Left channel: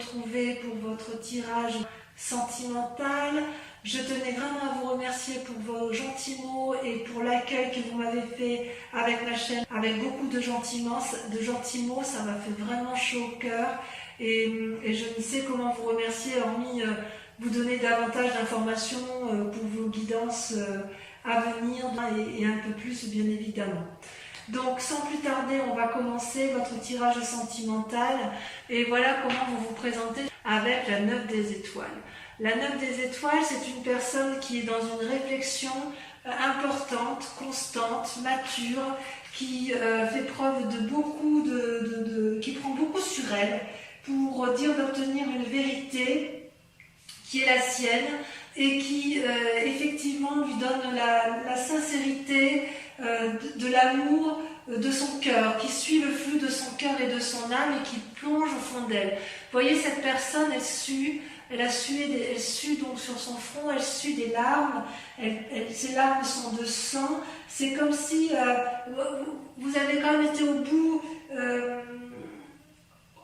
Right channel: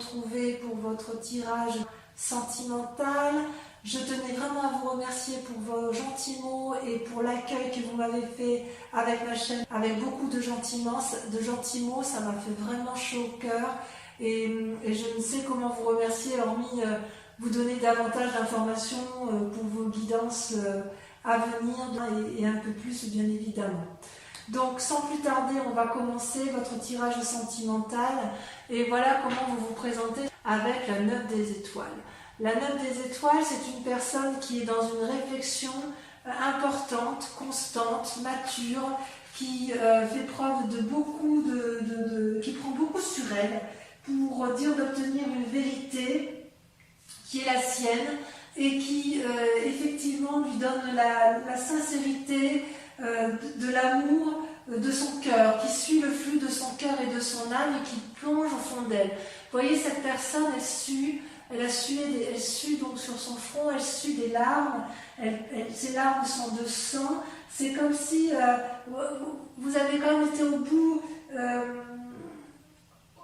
retrouver pour votre tirage sentimental. Je tenais vraiment à vous remercier pour vos gentils mots et pour l'accueil que vous m'avez fait avec ma chaîne, avec beaucoup de gentils mots. Ça m'a fait vraiment chaud au cœur et je ne sais comment vous remercier, hormis vous donner davantage d'informations pour vos guidances à venir et un peu plus bien évidemment. Donc sans plus tarder, on va commencer votre tirage sentimental et voilà comment vous vous présentez avec la 9 des étoiles. La 9 des étoiles, c'est une personne qui est dans une réflexion importante, constante, mature, qui fait preuve de beaucoup qui prend beaucoup sur elle pour dire d'obtenir une vérité qui est la sienne et qui effectivement lui donne la sincérité de l'amour de son cœur, qui suit le flux de son cœur et de son âme et qui plonge au fond d'elle. Vous voyez, cette personne, elle sue donc sur son front, elle sue des larmes, ces larmes sont de sang. C'est comme si vous avez quand même été au bout,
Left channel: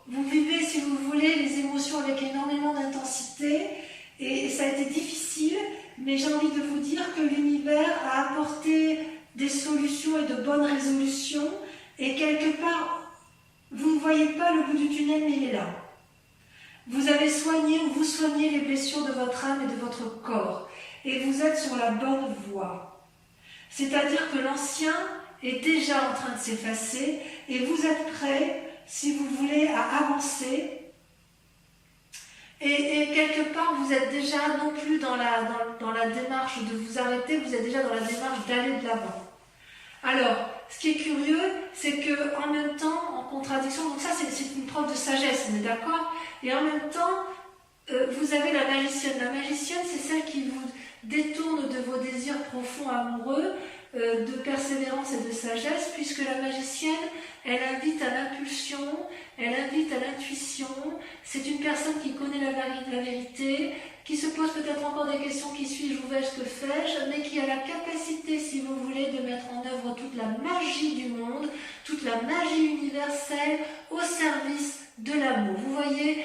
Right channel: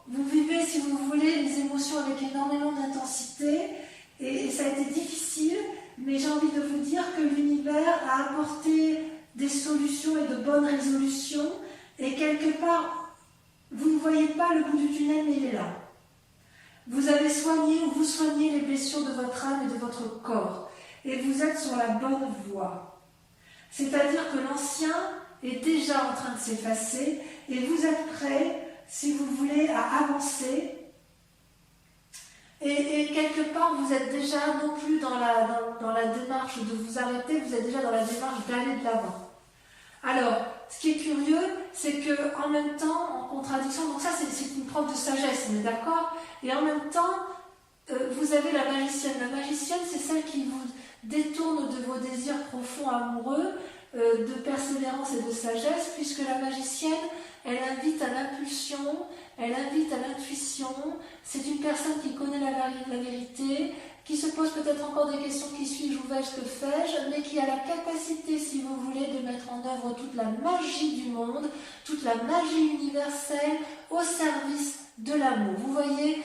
vous vivez, si vous voulez, les émotions avec énormément d'intensité et ça a été difficile, mais j'ai envie de vous dire que l'univers a apporté des solutions et de bonnes résolutions et quelque part, vous ne voyez pas le bout du tunnel, mais il est là. Vous avez soigné ou vous soignez les blessures de votre âme et de votre corps et vous êtes sur la bonne voie. C'est-à-dire que l'ancien est déjà en train de s'effacer et vous êtes prêt, si vous voulez, à avancer. Et quelque part, vous êtes déjà non plus dans la démarche de vous arrêter, vous êtes déjà dans la démarche d'aller de l'avant. Alors, ce qui est curieux, c'est qu'en même temps, en contradiction, donc ça c'est une preuve de sagesse, on est d'accord? Et en même temps, vous avez la magicienne. La magicienne, c'est celle qui vous détourne de vos désirs profonds amoureux, de persévérance et de sagesse, puisque la magicienne, elle invite à l'impulsion, elle invite à l'intuition. C'est une personne qui connaît la vérité, qui se pose peut-être encore des questions, qui suis-je, où vais-je, que fais-je, mais qui a la capacité, si vous voulez, de mettre en œuvre toute la magie du monde, toute la magie universelle au service de l'amour. Vous voyez,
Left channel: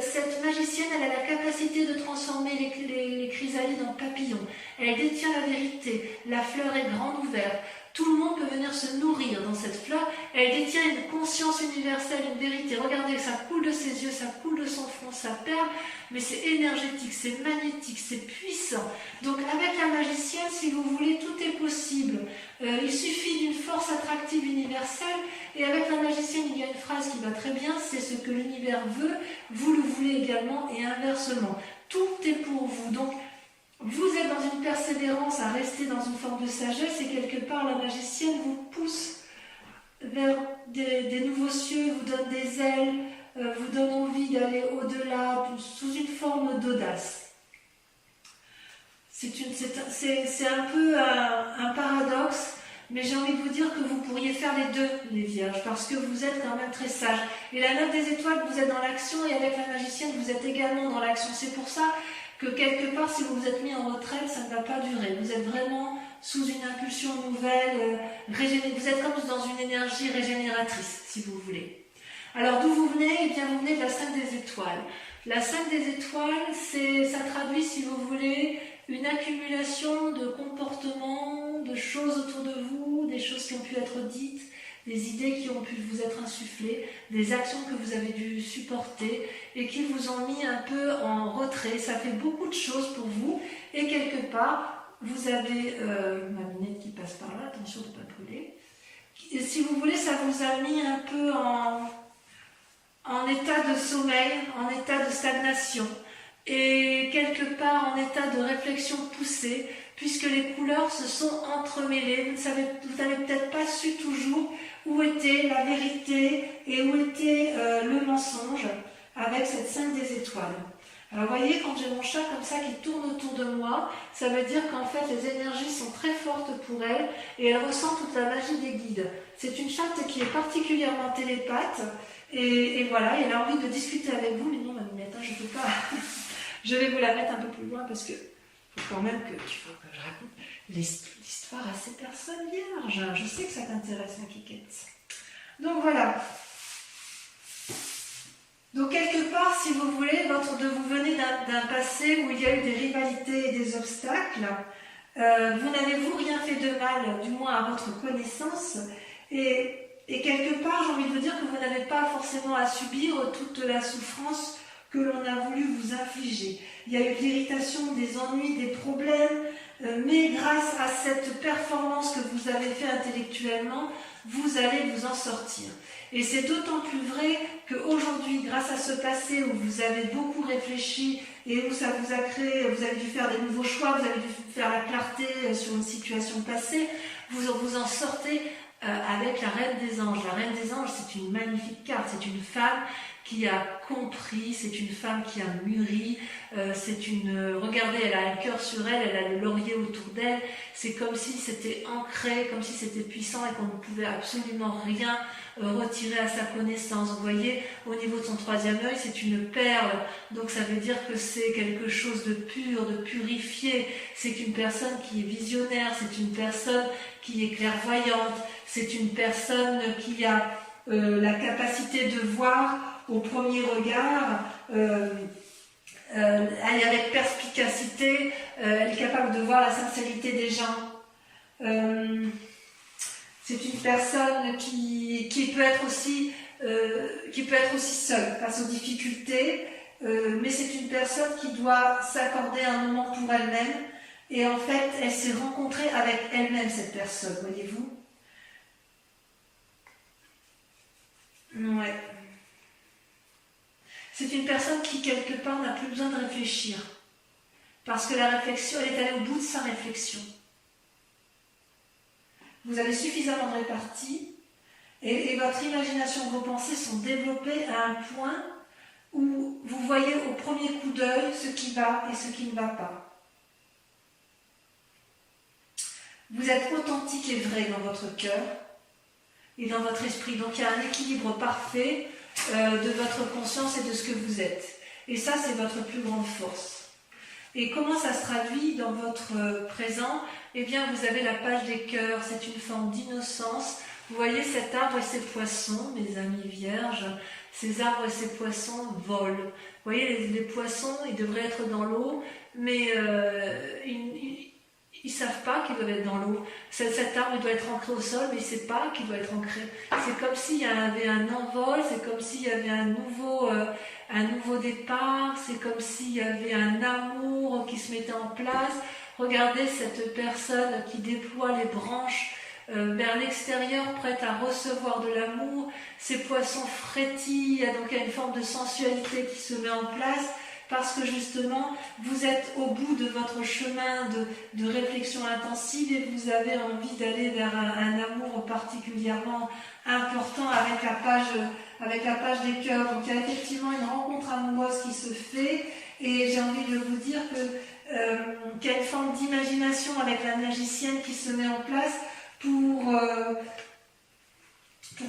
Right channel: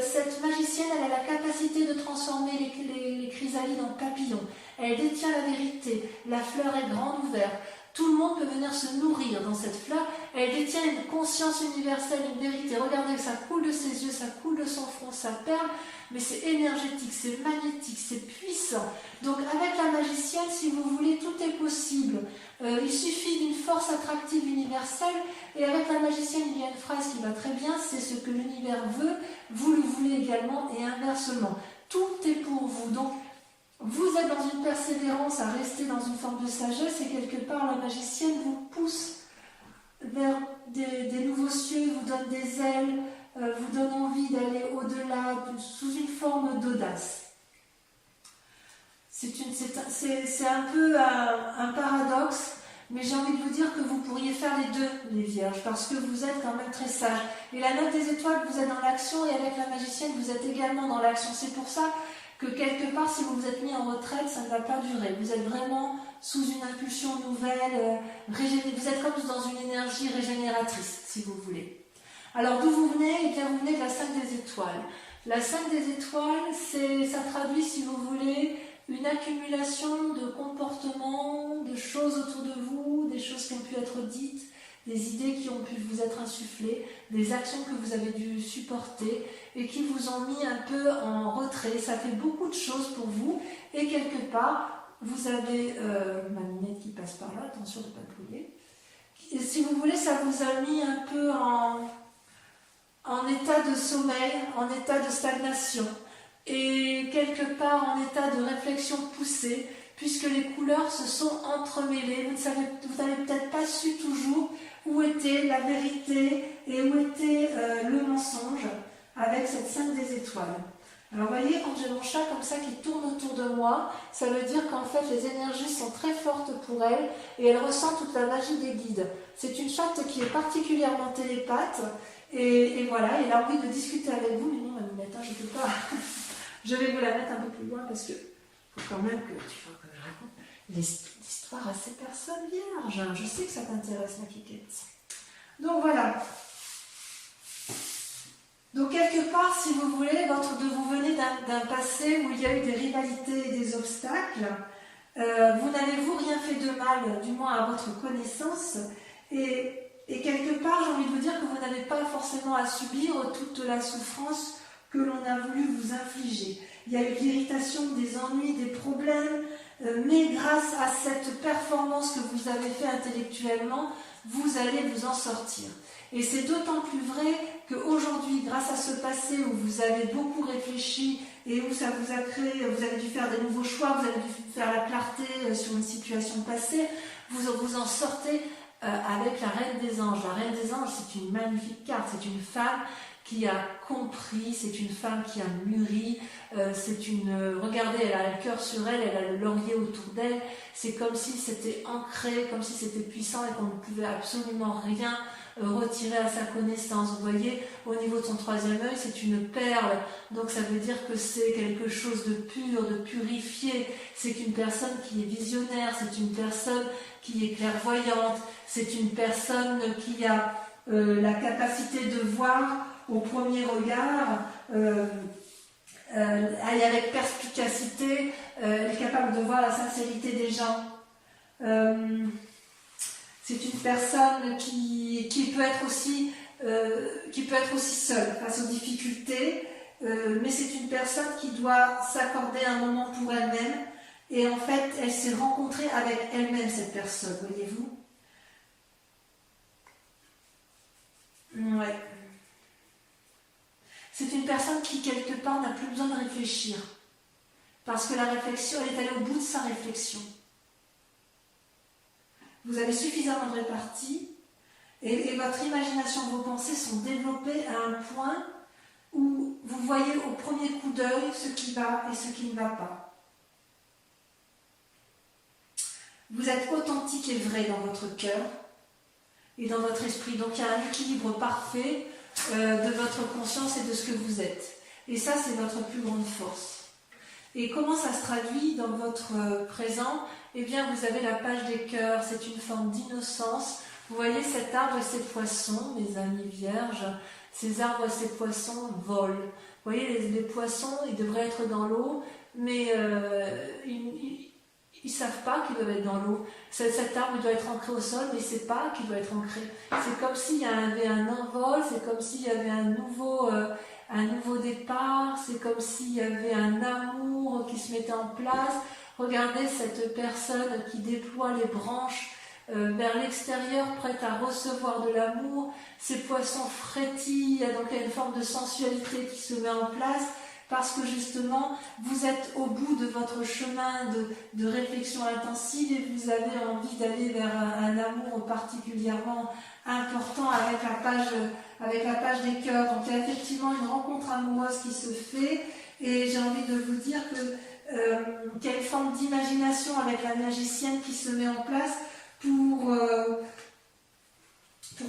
cette magicienne, elle a la capacité de transformer les chrysalides en papillons. Elle détient la vérité, la fleur est grande ouverte. Tout le monde peut venir se nourrir dans cette fleur. Elle détient une conscience universelle, une vérité. Regardez, ça coule de ses yeux, ça coule de son front, ça perle, mais c'est énergétique, c'est magnétique, c'est puissant. Donc avec la magicienne, si vous voulez, tout est possible. Il suffit d'une force attractive universelle. Et avec la magicienne, il y a une phrase qui va très bien, c'est ce que l'univers veut, vous le voulez également, et inversement. Tout est pour vous. Donc, vous êtes dans une persévérance à rester dans une forme de sagesse et quelque part la magicienne vous pousse vers des nouveaux cieux, vous donne des ailes, vous donne envie d'aller au-delà sous une forme d'audace. C'est un peu un paradoxe, mais j'ai envie de vous dire que vous pourriez faire les deux, les vierges, parce que vous êtes quand même très sages. Et la 9 des étoiles, vous êtes dans l'action et avec la magicienne, vous êtes également dans l'action. C'est pour ça que quelque part, si vous vous êtes mis en retraite, ça ne va pas durer. Vous êtes vraiment sous une impulsion nouvelle, vous êtes comme dans une énergie régénératrice, si vous voulez. Alors, d'où vous venez? Eh bien, vous venez de la 5 des étoiles. La 5 des étoiles, ça traduit, si vous voulez, une accumulation de comportements, de choses autour de vous, des choses qui ont pu être dites, des idées qui ont pu vous être insufflées, des actions que vous avez dû supporter et qui vous ont mis un peu en retrait. Ça fait beaucoup de choses pour vous et quelque part, vous avez ma lunette qui passe par là, attention de ne pas brûler. Et si vous voulez, ça vous a mis un peu en état de sommeil, en état de stagnation et quelque part en état de réflexion poussée puisque les couleurs se sont entremêlées. Vous n'avez peut-être pas su toujours où était la vérité et où était le mensonge avec cette 5 des étoiles. Alors vous voyez, quand j'ai mon chat comme ça qui tourne autour de moi, ça veut dire qu'en fait les énergies sont très fortes pour elle et elle ressent toute la magie des guides. C'est une chatte qui est particulièrement télépathe et voilà, elle a envie de discuter avec vous, mais non ma minette, je ne peux pas. Je vais vous la mettre un peu plus loin parce que faut quand même que je raconte l'histoire à ces personnes vierges. Je sais que ça t'intéresse ma Kikette. Donc voilà. Donc quelque part, si vous voulez, vous venez d'un passé où il y a eu des rivalités et des obstacles. Vous n'avez-vous rien fait de mal, du moins à votre connaissance, et quelque part, j'ai envie de vous dire que vous n'avez pas forcément à subir toute la souffrance que l'on a voulu vous infliger. Il y a eu de l'irritation, des ennuis, des problèmes, mais grâce à cette performance que vous avez fait intellectuellement, vous allez vous en sortir. Et c'est d'autant plus vrai qu'aujourd'hui, grâce à ce passé où vous avez beaucoup réfléchi et où ça vous a créé, vous avez dû faire des nouveaux choix, vous avez dû faire la clarté sur une situation passée, vous en sortez avec la Reine des Anges. La Reine des Anges, c'est une magnifique carte, c'est une femme qui a compris, c'est une femme qui a mûri, regardez, elle a un cœur sur elle, elle a le laurier autour d'elle, c'est comme si c'était ancré, comme si c'était puissant et qu'on ne pouvait absolument rien retirer à sa connaissance. Vous voyez, au niveau de son troisième œil, c'est une perle, donc ça veut dire que c'est quelque chose de pur, de purifié, c'est une personne qui est visionnaire, c'est une personne qui est clairvoyante, c'est une personne qui a la capacité de voir au premier regard, elle est avec perspicacité, elle est capable de voir la sincérité des gens. C'est une personne qui peut être aussi seule face aux difficultés, mais c'est une personne qui doit s'accorder un moment pour elle-même, et en fait, elle s'est rencontrée avec elle-même, cette personne, voyez-vous. Ouais. C'est une personne qui, quelque part, n'a plus besoin de réfléchir. Parce que la réflexion, elle est allée au bout de sa réflexion. Vous avez suffisamment de répartie et votre imagination, vos pensées sont développées à un point où vous voyez au premier coup d'œil ce qui va et ce qui ne va pas. Vous êtes authentique et vrai dans votre cœur et dans votre esprit. Donc il y a un équilibre parfait de votre conscience et de ce que vous êtes. Et ça, c'est votre plus grande force. Et comment ça se traduit dans votre présent? Eh bien, vous avez la page des cœurs, c'est une forme d'innocence. Vous voyez cet arbre et ces poissons, mes amis vierges, ces arbres et ces poissons volent. Vous voyez, les poissons, ils devraient être dans l'eau, mais ils ne savent pas qu'ils doivent être dans l'eau. Cet arbre doit être ancré au sol, mais il ne sait pas qu'il doit être ancré. C'est comme s'il y avait un envol, c'est comme s'il y avait un nouveau départ, c'est comme s'il y avait un amour qui se mettait en place. Regardez cette personne qui déploie les branches vers l'extérieur, prête à recevoir de l'amour. Ces poissons frétillent, donc il y a une forme de sensualité qui se met en place, parce que justement, vous êtes au bout de votre chemin de réflexion intensive et vous avez envie d'aller vers un amour particulièrement important avec la page des cœurs. Donc il y a effectivement une rencontre amoureuse qui se fait, et j'ai envie de vous dire qu'il y a une forme d'imagination avec la magicienne qui se met en place pour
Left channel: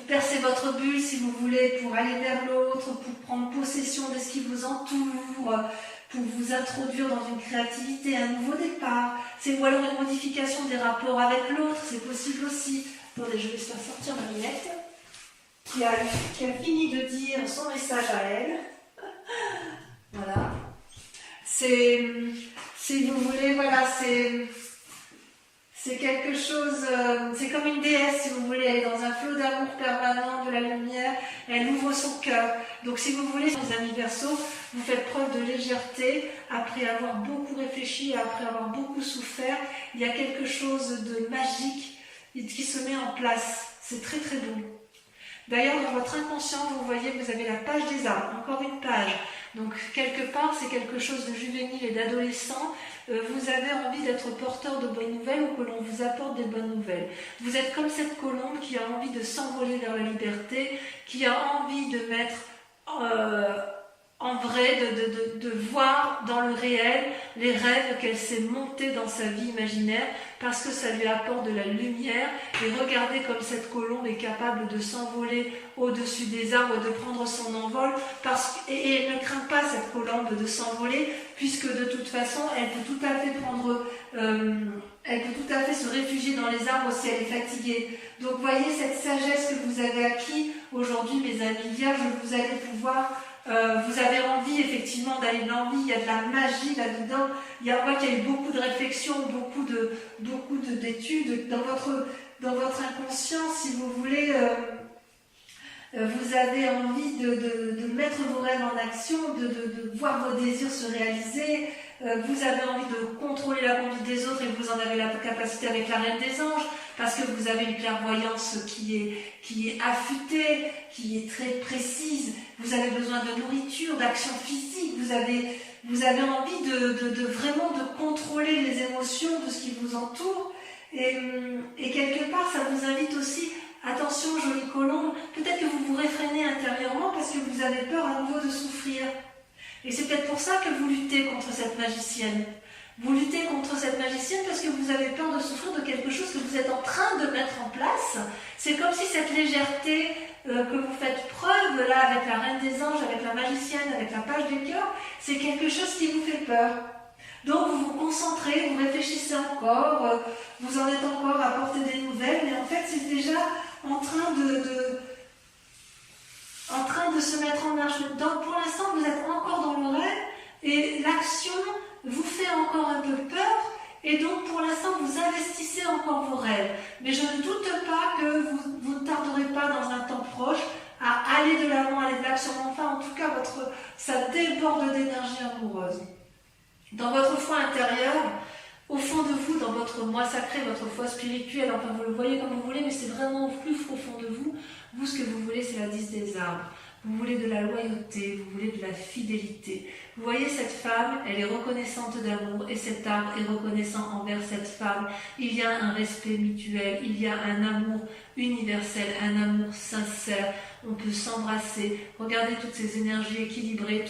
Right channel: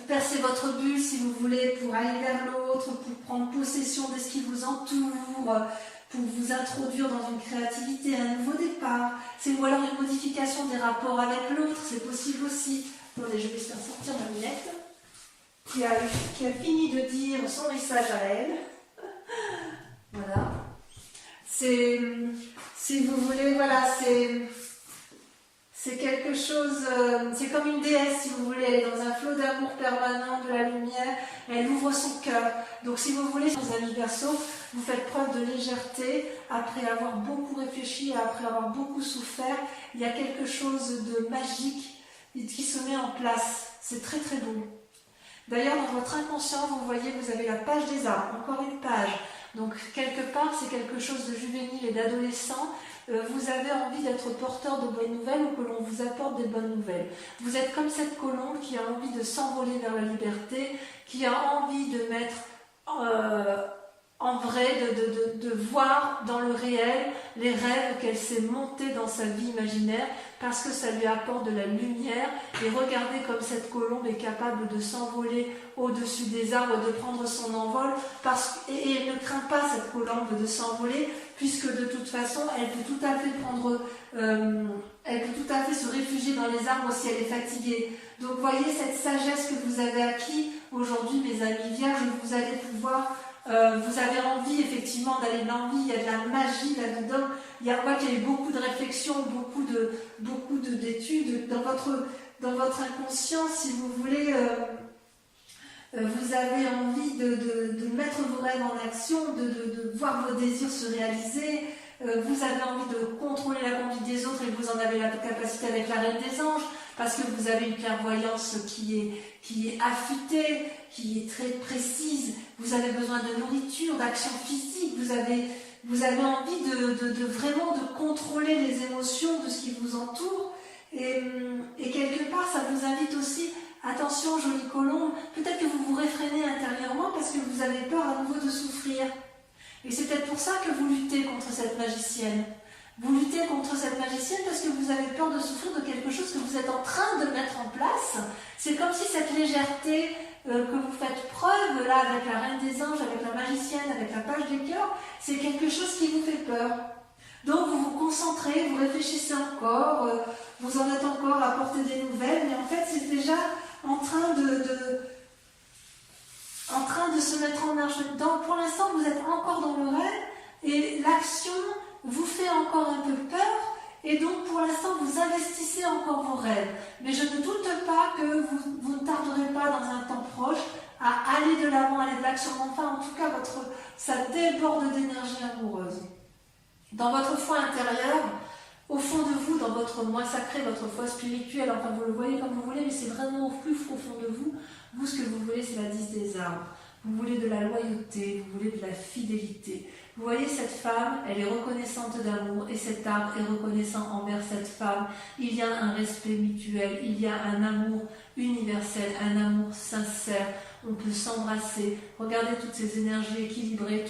percer votre bulle, si vous voulez, pour aller vers l'autre, pour prendre possession de ce qui vous entoure, pour vous introduire dans une créativité, un nouveau départ. Ou alors une modification des rapports avec l'autre, c'est possible aussi. Attendez, je vais faire sortir ma minette, qui a fini de dire son message à elle. Voilà. Si vous voulez, voilà, c'est quelque chose, c'est comme une déesse, si vous voulez, elle est dans un flot d'amour permanent, de la lumière, elle ouvre son cœur. Donc si vous voulez, les amis Verseaux, vous faites preuve de légèreté, après avoir beaucoup réfléchi, après avoir beaucoup souffert, il y a quelque chose de magique qui se met en place. C'est très très beau. D'ailleurs, dans votre inconscient, vous voyez, vous avez la page des arbres, encore une page. Donc quelque part, c'est quelque chose de juvénile et d'adolescent. Vous avez envie d'être porteur de bonnes nouvelles ou que l'on vous apporte des bonnes nouvelles. Vous êtes comme cette colombe qui a envie de s'envoler vers la liberté, qui a envie de mettre en vrai, de voir dans le réel les rêves qu'elle s'est montée dans sa vie imaginaire, parce que ça lui apporte de la lumière. Et regardez comme cette colombe est capable de s'envoler au-dessus des arbres, de prendre son envol, et elle ne craint pas, cette colombe, de s'envoler, puisque de toute façon, elle peut tout à fait se réfugier dans les arbres si elle est fatiguée. Donc voyez cette sagesse que vous avez acquis aujourd'hui, mes amis vierges, vous allez pouvoir Vous avez envie effectivement d'aller dans l'envie, il y a de la magie là-dedans. On voit qu'il y a eu beaucoup de réflexions, beaucoup d'études dans votre inconscient, si vous voulez. Vous avez envie de mettre vos rêves en action, de voir vos désirs se réaliser. Vous avez envie de contrôler la conduite des autres et vous en avez la capacité avec la Reine des Anges, parce que vous avez une clairvoyance qui est affûtée, qui est très précise. Vous avez besoin de nourriture, d'action physique. Vous avez envie de vraiment de contrôler les émotions de ce qui vous entoure. Et quelque part, ça vous invite aussi, attention, jolie colombe, peut-être que vous vous réfrénez intérieurement parce que vous avez peur à nouveau de souffrir. Et c'est peut-être pour ça que vous luttez contre cette magicienne. Vous luttez contre cette magicienne parce que vous avez peur de souffrir de quelque chose que vous êtes en train de mettre en place. C'est comme si cette légèreté que vous faites preuve, là, avec la Reine des Anges, avec la magicienne, avec la page des cœurs, c'est quelque chose qui vous fait peur. Donc vous vous concentrez, vous réfléchissez encore, vous en êtes encore à porter des nouvelles, mais en fait c'est déjà en train de se mettre en marche. Donc pour l'instant vous êtes encore dans le rêve et l'action vous fait encore un peu peur et donc pour l'instant vous investissez encore vos rêves. Mais je ne doute pas que vous ne tarderez pas dans un temps proche à aller de l'avant, aller de l'action. Enfin en tout cas ça déborde d'énergie amoureuse. Dans votre foi intérieure, au fond de vous, dans votre moi sacré, votre foi spirituelle, enfin vous le voyez comme vous voulez, mais c'est vraiment au plus profond de vous. Vous, ce que vous voulez, c'est la 10 des arbres. Vous voulez de la loyauté, vous voulez de la fidélité. Vous voyez cette femme, elle est reconnaissante d'amour et cet arbre est reconnaissant envers cette femme. Il y a un respect mutuel, il y a un amour universel, un amour sincère. On peut s'embrasser. Regardez toutes ces énergies équilibrées,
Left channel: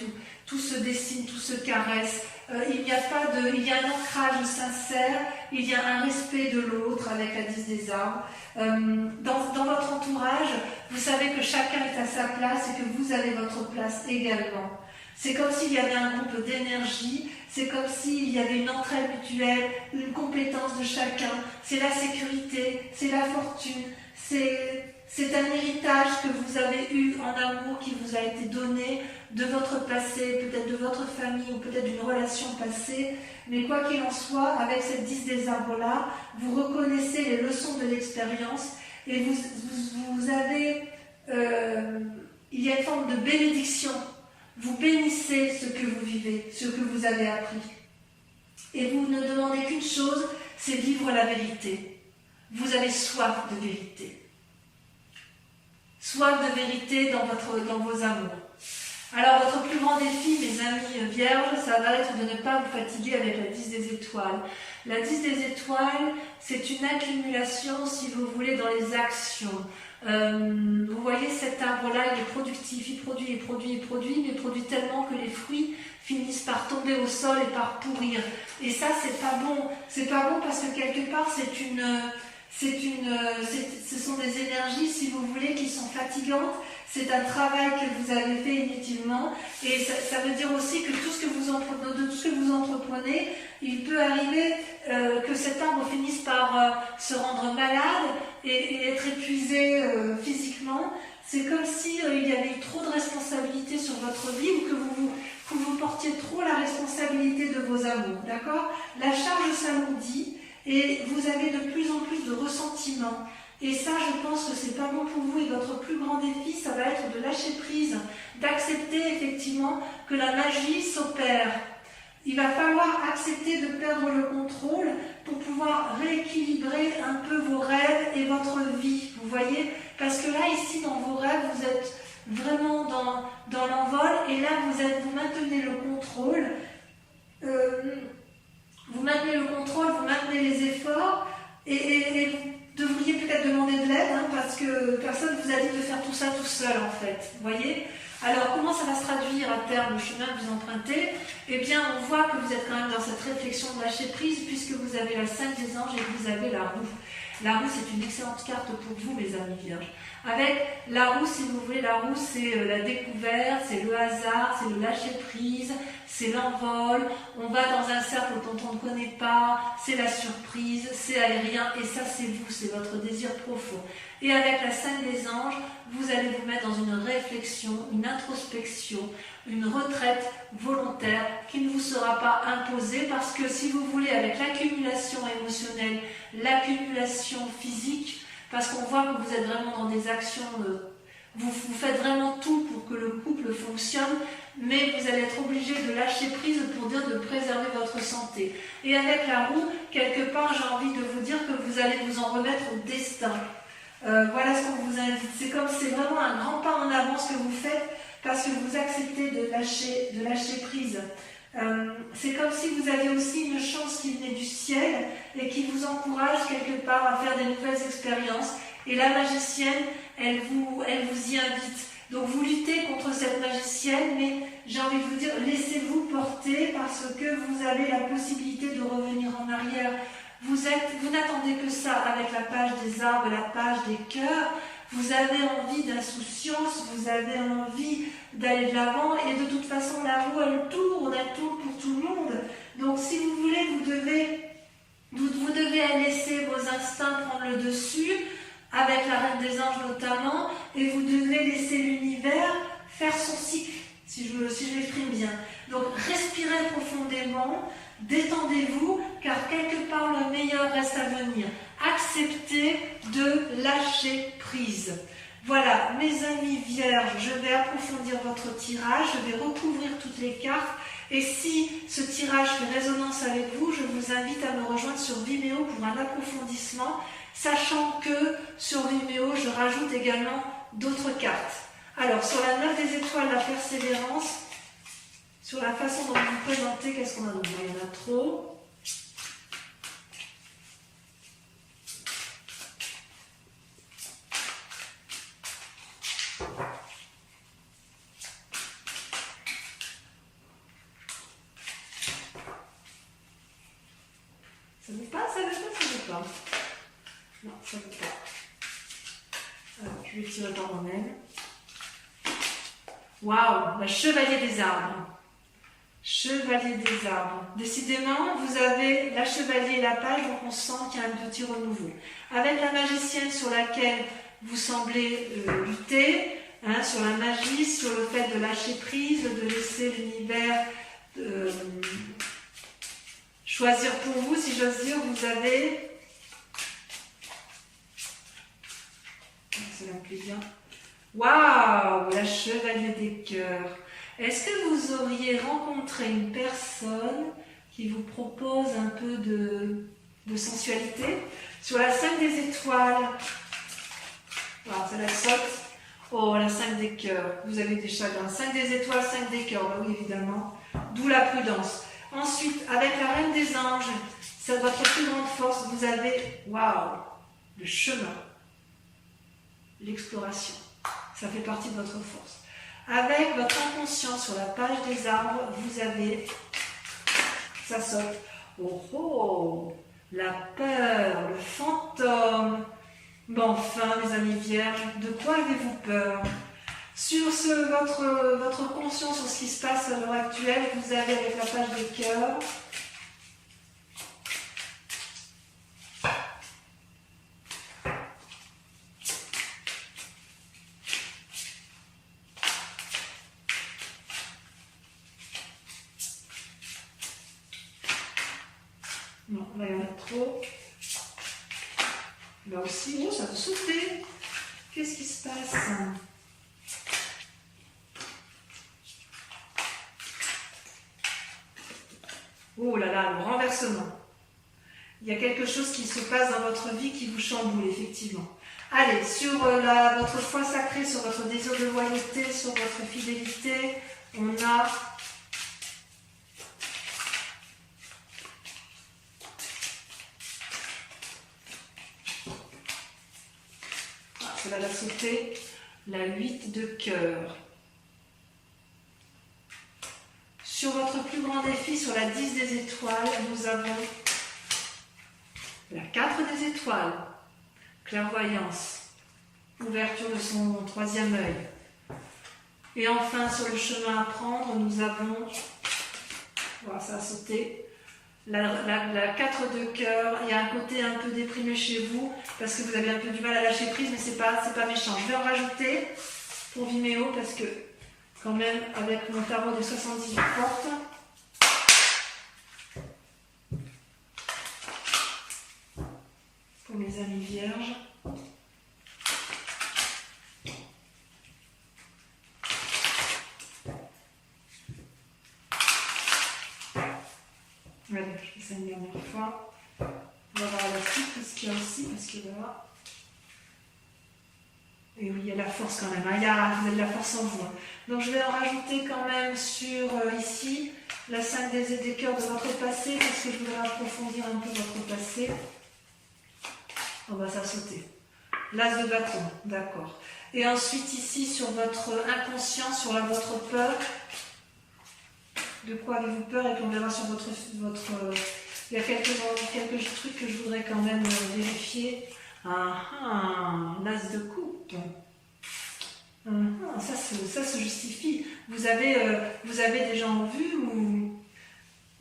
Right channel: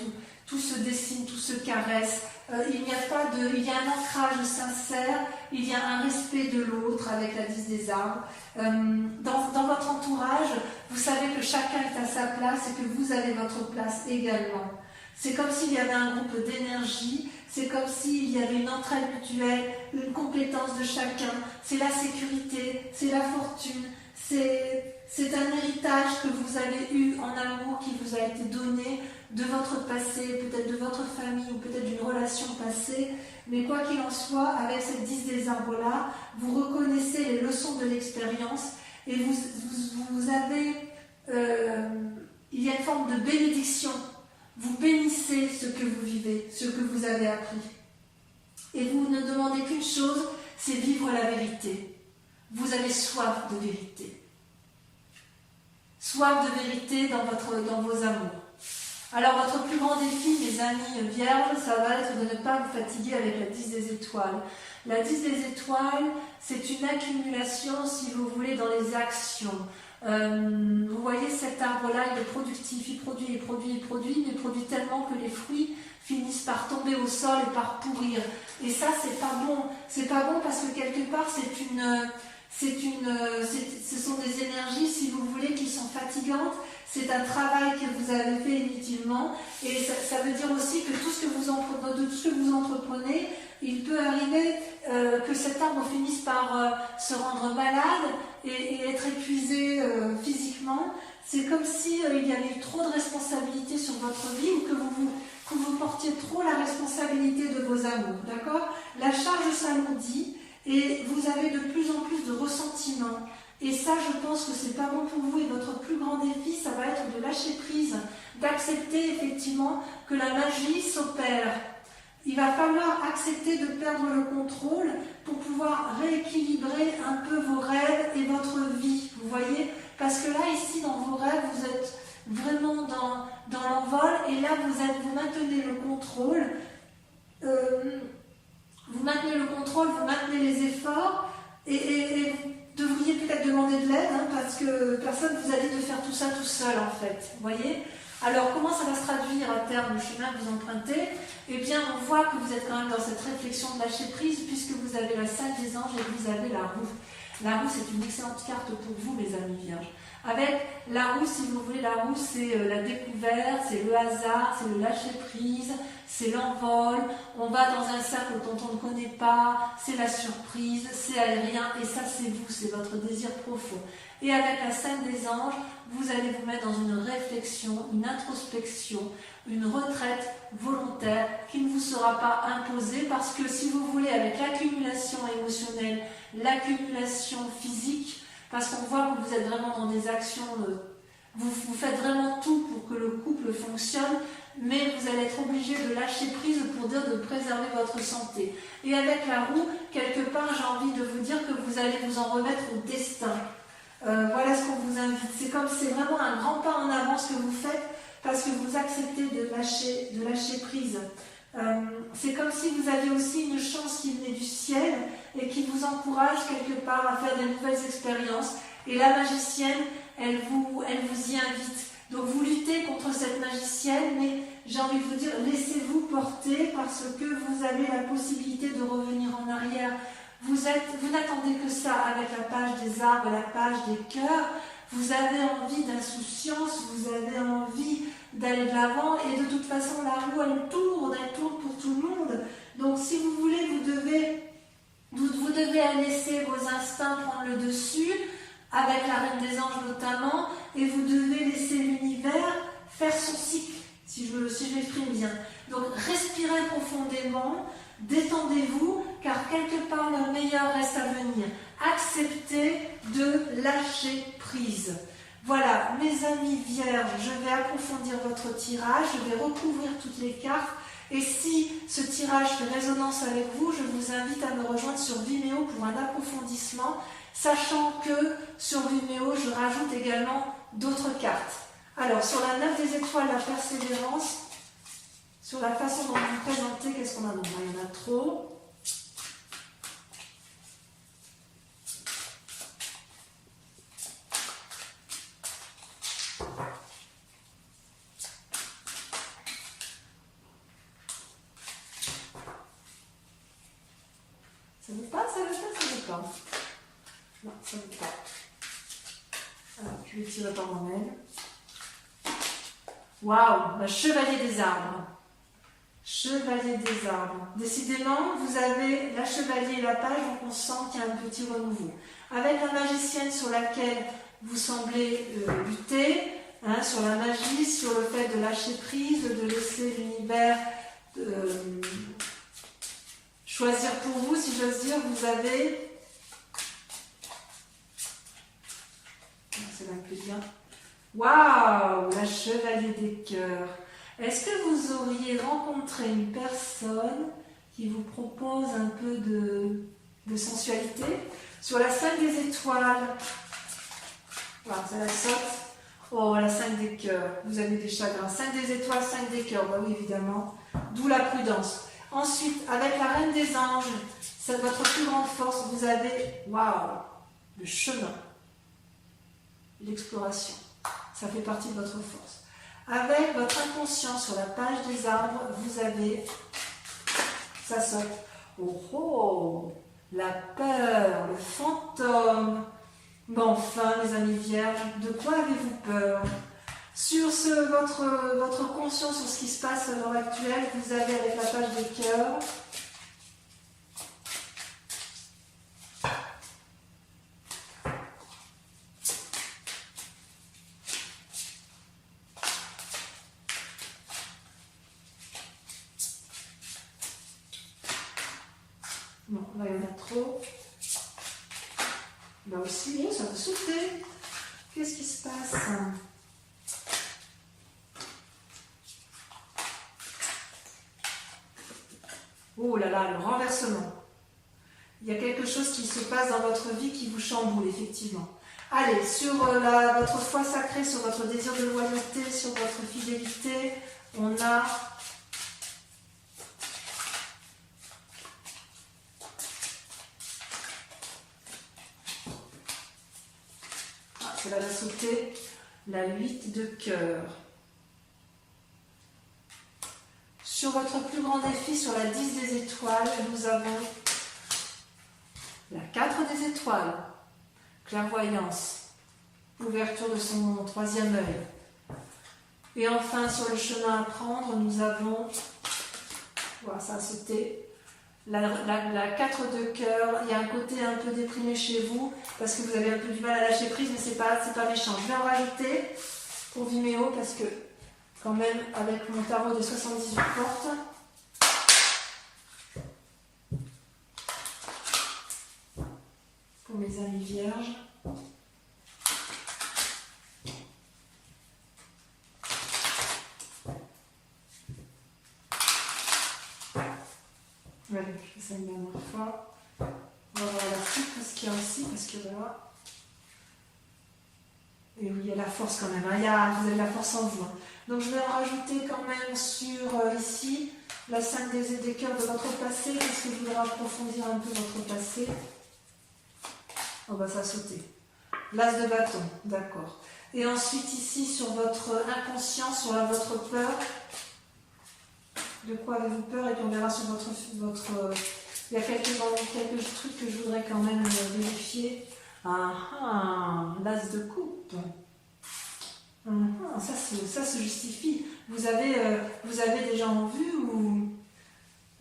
tout se dessine, tout se caresse. Il y a un ancrage sincère, il y a un respect de l'autre avec la 10 des arbres. Dans votre entourage, vous savez que chacun est à sa place et que vous avez votre place également. C'est comme s'il y avait un groupe d'énergie, c'est comme s'il y avait une entraide mutuelle, une compétence de chacun. C'est la sécurité, c'est la fortune, c'est un héritage que vous avez eu en amour qui vous a été donné de votre passé, peut-être de votre famille ou peut-être d'une relation passée. Mais quoi qu'il en soit, avec cette 10 des arbres-là, vous reconnaissez les leçons de l'expérience et vous avez... il y a une forme de bénédiction. Vous bénissez ce que vous vivez, ce que vous avez appris. Et vous ne demandez qu'une chose, c'est vivre la vérité. Vous avez soif de vérité. Soif de vérité dans vos amours. Alors votre plus grand défi, mes amis vierges, ça va être de ne pas vous fatiguer avec la 10 des étoiles. La 10 des étoiles, c'est une accumulation, si vous voulez, dans les actions. Vous voyez cet arbre-là, il est productif, il produit, mais il produit tellement que les fruits finissent par tomber au sol et par pourrir. Et ça, c'est pas bon. C'est pas bon parce que quelque part, ce sont des énergies, si vous voulez, qui sont fatigantes. C'est un travail que vous avez fait inutilement. Et ça veut dire aussi que tout ce que vous entreprenez, il peut arriver que cet arbre finisse par se rendre malade et être épuisé physiquement. C'est comme si il y avait eu trop de responsabilités sur votre vie ou que vous portiez trop la responsabilité de vos amours. D'accord ? La charge s'alourdit et vous avez de plus en plus de ressentiments. Et ça, je pense que c'est pas bon pour vous. Et votre plus grand défi, ça va être de lâcher prise, d'accepter effectivement que la magie s'opère. Il va falloir accepter de perdre le contrôle pour pouvoir rééquilibrer un peu vos rêves et votre vie. Vous voyez ? Parce que là, ici, dans vos rêves, vous êtes vraiment dans l'envol. Et là, vous maintenez le contrôle. Vous maintenez le contrôle, vous maintenez les efforts. Et vous devriez peut-être demander de l'aide, parce que personne ne vous a dit de faire tout ça tout seul, en fait. Vous voyez ? Alors, comment ça va se traduire à terme, le chemin que vous empruntez ? Eh bien, on voit que vous êtes quand même dans cette réflexion de lâcher prise, puisque vous avez la 5 des anges et que vous avez la roue. La roue, c'est une excellente carte pour vous, mes amis vierges. Avec la roue, si vous voulez, la roue c'est la découverte, c'est le hasard, c'est le lâcher prise, c'est l'envol, on va dans un cercle dont on ne connaît pas, c'est la surprise, c'est aérien, et ça c'est vous, c'est votre désir profond. Et avec la 5 des anges, vous allez vous mettre dans une réflexion, une introspection, une retraite volontaire qui ne vous sera pas imposée, parce que si vous voulez, avec l'accumulation émotionnelle, l'accumulation physique, parce qu'on voit que vous êtes vraiment dans des actions, vous faites vraiment tout pour que le couple fonctionne, mais vous allez être obligé de lâcher prise pour dire de préserver votre santé. Et avec la roue, quelque part, j'ai envie de vous dire que vous allez vous en remettre au destin. Voilà ce qu'on vous invite. C'est comme c'est vraiment un grand pas en avant ce que vous faites, parce que vous acceptez de lâcher prise. C'est comme si vous aviez aussi une chance qui venait du ciel et qui vous encourage quelque part à faire des nouvelles expériences. Et la magicienne, elle vous y invite. Donc vous luttez contre cette magicienne, mais j'ai envie de vous dire, laissez-vous porter, parce que vous avez la possibilité de revenir en arrière. Vous n'attendez que ça avec la page des arbres et la page des cœurs. Vous avez envie d'insouciance, vous avez envie d'aller de l'avant, et de toute façon la roue elle tourne pour tout le monde. Donc si vous voulez, vous devez laisser vos instincts prendre le dessus, avec la Reine des Anges notamment, et vous devez laisser l'univers faire son cycle, si je l'exprime bien. Donc respirez profondément, détendez-vous, car quelque part le meilleur reste à venir. Acceptez de lâcher prise. Voilà, mes amis vierges, je vais approfondir votre tirage, je vais recouvrir toutes les cartes, et si ce tirage fait résonance avec vous, je vous invite à me rejoindre sur Vimeo pour un approfondissement, sachant que sur Vimeo, je rajoute également d'autres cartes. Alors, sur la 9 des étoiles, la persévérance, sur la façon dont vous vous présentez, qu'est-ce qu'on a? Donc, il y en a trop. Ça ne veut pas, ça veut pas. Non, ça ne veut pas. Alors, je vais tirer par moi-même. Waouh, la chevalier des arbres. Chevalier des arbres. Décidément, vous avez la chevalier et la page, donc on sent qu'il y a un petit renouveau. Avec la magicienne sur laquelle vous semblez lutter, sur la magie, sur le fait de lâcher prise, de laisser l'univers choisir pour vous, si j'ose dire, vous avez... Cela me plaît bien. Waouh, la chevalier des cœurs. Est-ce que vous auriez rencontré une personne qui vous propose un peu de sensualité? Sur la 5 des étoiles, voilà, ça la saute. Oh, la 5 des cœurs, vous avez des chagrins. 5 des étoiles, 5 des cœurs, bah oui, évidemment. D'où la prudence. Ensuite, avec la Reine des Anges, c'est votre plus grande force. Vous avez, waouh, le chemin, l'exploration. Ça fait partie de votre force. Avec votre inconscient sur la page des arbres, vous avez, ça saute. Oh oh, la peur, le fantôme. Bon, enfin, mes amis vierges, de quoi avez-vous peur? Sur votre conscience, sur ce qui se passe à l'heure actuelle, vous avez avec la page des cœurs. Non, là il y en a trop. Là aussi, oh, ça veut sauter. Qu'est-ce qui se passe? Oh là là, le renversement. Il y a quelque chose qui se passe dans votre vie qui vous chamboule, effectivement. Allez, sur votre foi sacrée, sur votre désir de loyauté, sur votre fidélité, on a... Ah, cela l'a sauté. La 8 de cœur. Sur votre plus grand défi, sur la 10 des étoiles, nous avons la 4 des étoiles, clairvoyance. Ouverture de son troisième œil. Et enfin, sur le chemin à prendre, nous avons, voilà, ça a sauté, la 4 de cœur. Il y a un côté un peu déprimé chez vous, parce que vous avez un peu du mal à lâcher prise, mais c'est pas méchant. Je vais en rajouter pour Vimeo, parce que quand même, avec mon tarot des 78 portes, pour mes amis vierges, allez, je fais ça une dernière fois. On va voir la suite, parce qu'il y a aussi, parce que voilà. Et oui, il y a la force quand même, hein. Vous avez de la force en vous. Hein. Donc je vais en rajouter quand même sur ici, la 5 des cœurs de votre passé, parce que je voudrais approfondir un peu votre passé. On va ça sauter. L'as de bâton, d'accord. Et ensuite ici, sur votre inconscient, sur votre peur. De quoi avez-vous peur? Et puis on verra sur votre il y a quelques trucs que je voudrais quand même vérifier. L'as de coupe. Ça se justifie. Vous avez des gens en vue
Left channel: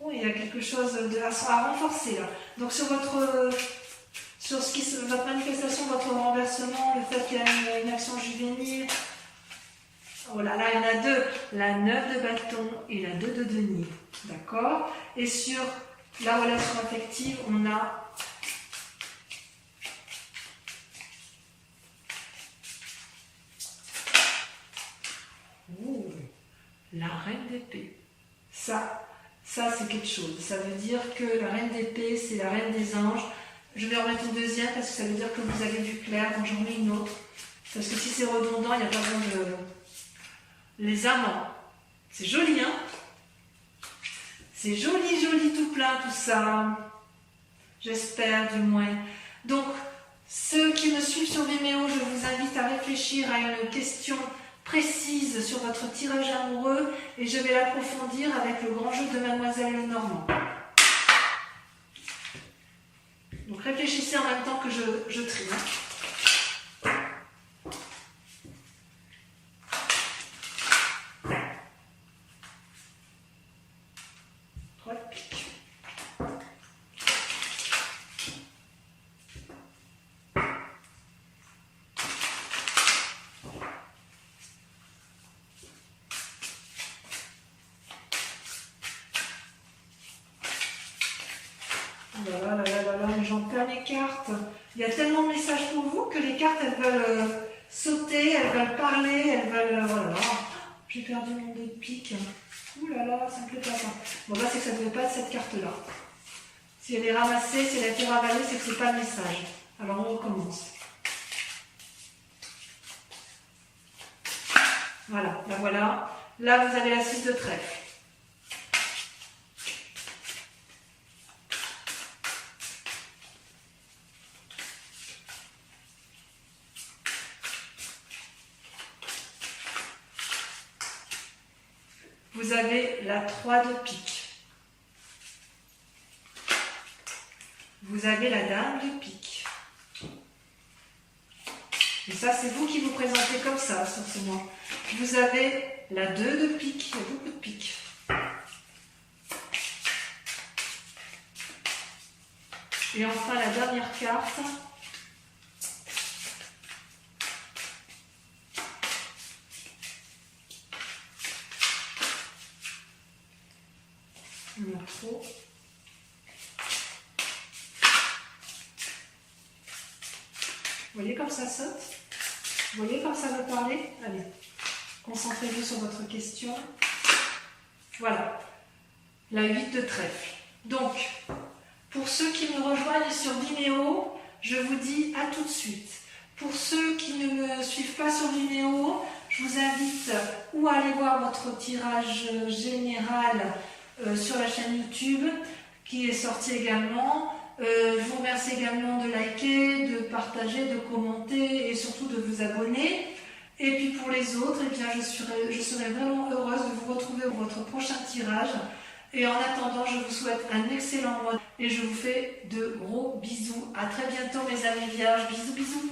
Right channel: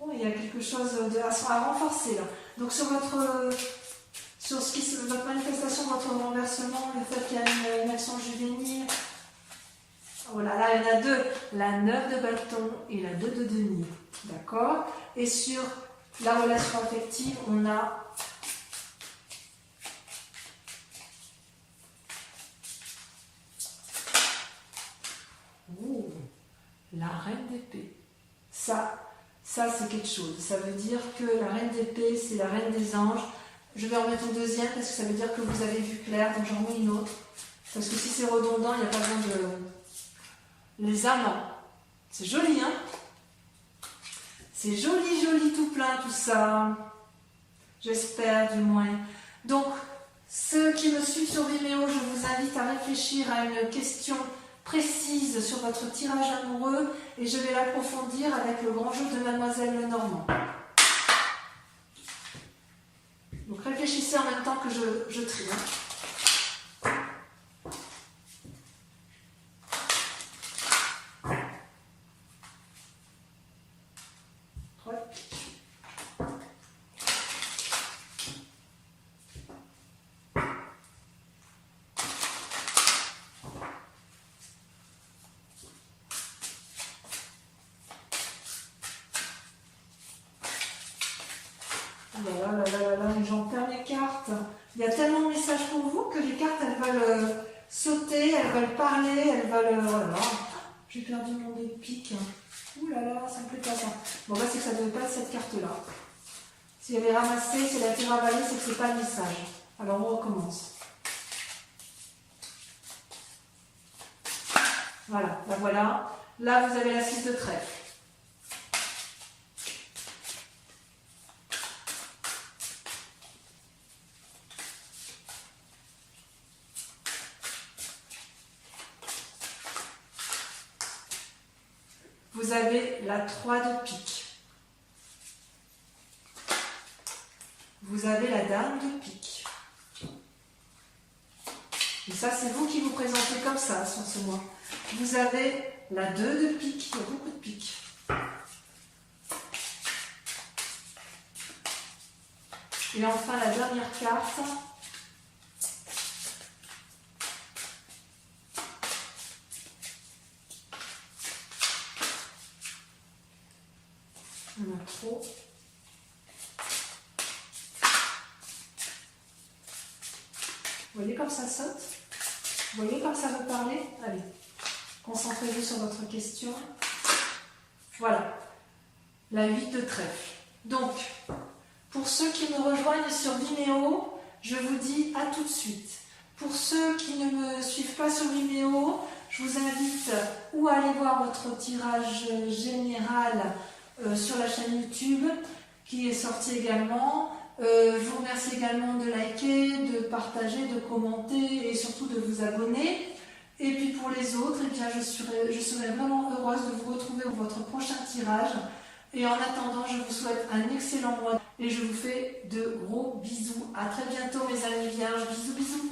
ou il y a quelque chose à renforcer là. Donc sur votre manifestation, votre renversement, le fait qu'il y a une action juvénile. Oh là là, il y en a deux. La 9 de bâton et la 2 de denier. D'accord? Et sur la relation affective, on a la reine d'épée. Ça c'est quelque chose. Ça veut dire que la reine d'épée, c'est la reine des anges. Je vais en mettre une deuxième parce que ça veut dire que vous avez du clair, donc j'en mets une autre. Parce que si c'est redondant, il n'y a pas besoin de... Les amants. C'est joli, hein? C'est joli, joli, tout plein, tout ça. J'espère, du moins. Donc, ceux qui me suivent sur Vimeo, je vous invite à réfléchir à une question précise sur votre tirage amoureux et je vais l'approfondir avec le grand jeu de Mademoiselle Lenormand. Donc, réfléchissez en même temps que je trie. Hein. Là, mais j'en perds mes cartes. Il y a tellement de messages pour vous que les cartes, elles veulent sauter, elles veulent parler, elles veulent... Voilà. J'ai perdu mon dé de pique. Ouh là là, ça me plaît pas ça. Bon, bah, c'est que ça ne devait pas être cette carte-là. Si elle est ramassée, si elle a été ravalée, c'est que c'est pas le message. Alors, on recommence. Voilà, ben voilà. Là, vous avez la 6 de trèfle. Vous avez la 3 de pique. Vous avez la dame de pique. Et ça, c'est vous qui vous présentez comme ça sur ce mois. Vous avez la 2 de pique. Il y a beaucoup de piques. Et enfin, la dernière carte. On a trop. Vous voyez comme ça saute? Vous voyez comme ça veut parler? Allez, concentrez-vous sur votre question. Voilà, la 8 de trèfle. Donc, pour ceux qui me rejoignent sur Vimeo, je vous dis à tout de suite. Pour ceux qui ne me suivent pas sur Vimeo, je vous invite ou à aller voir votre tirage général sur la chaîne YouTube qui est sorti également. Je vous remercie également de liker, de partager, de commenter et surtout de vous abonner. Et puis pour les autres, eh bien, je serai vraiment heureuse de vous retrouver pour votre prochain tirage. Et en attendant, je vous souhaite un excellent mois et je vous fais de gros bisous. À très bientôt mes amis vierges. Bisous, bisous.